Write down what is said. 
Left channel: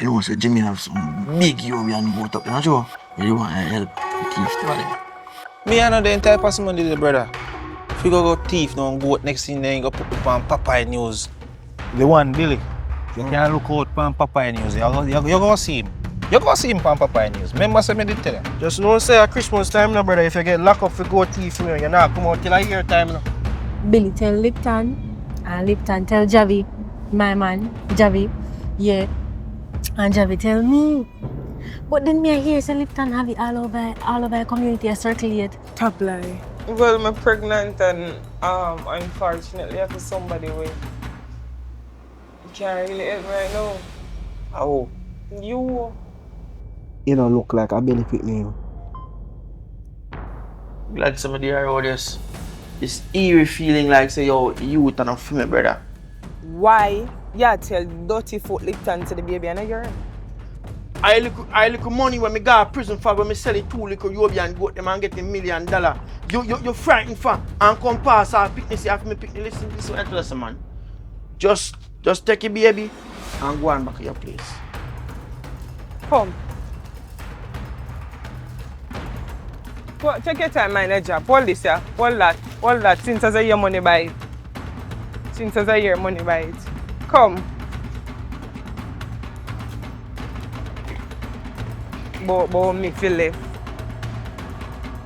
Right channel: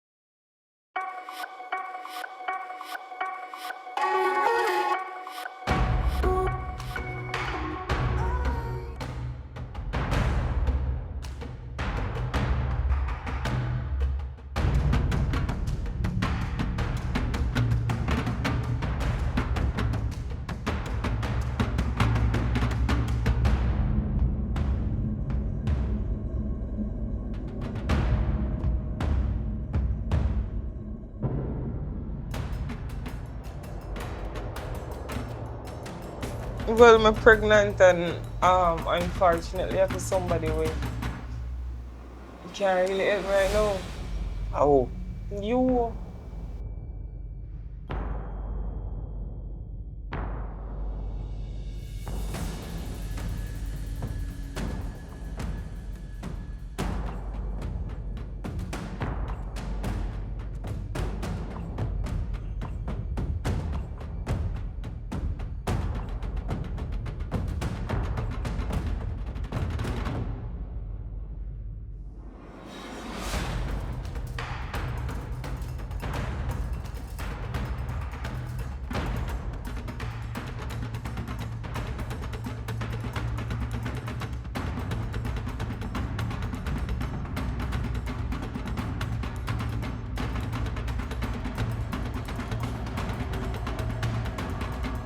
You know, say Jimmy have some big European boat up, you know, Joe? You want to help keep started. Me I know the entire person money, brother. If you go thief now and goat next thing, then you go put up on Popeye News. The one, Billy. You can look out on Popeye News. You're going to see him. You're going to see him on Popeye News. Remember something I did tell you? Just know say at Christmas time now, brother, if you get locked up for go thief, you're not come out till a year time now. Billy tell Lipton, and Lipton tell Javi, my man, Javi, yeah. And Javi tell me. But then me I hear say Lipton have it all over the community, I circulate. Top lie. Well, I'm pregnant and unfortunately I have somebody with. You can't really help right now. Oh. You. You don't look like a benefit me. Like somebody around this eerie feeling like say, yo, you turn off for me, brother. Why you tell dirty foot Lipton to the baby and a girl? I look money when me go to prison for when me sell it 2 little European goat them and get $1 million. You frightened for and come pass our picnic, you have me pick the listen to what I tell man. Just take your baby and go on back to your place. Come. Take your time, manager. Hold this here. Hold that. Since I say your money by it. Since I say your money by it. Come. But me feel left.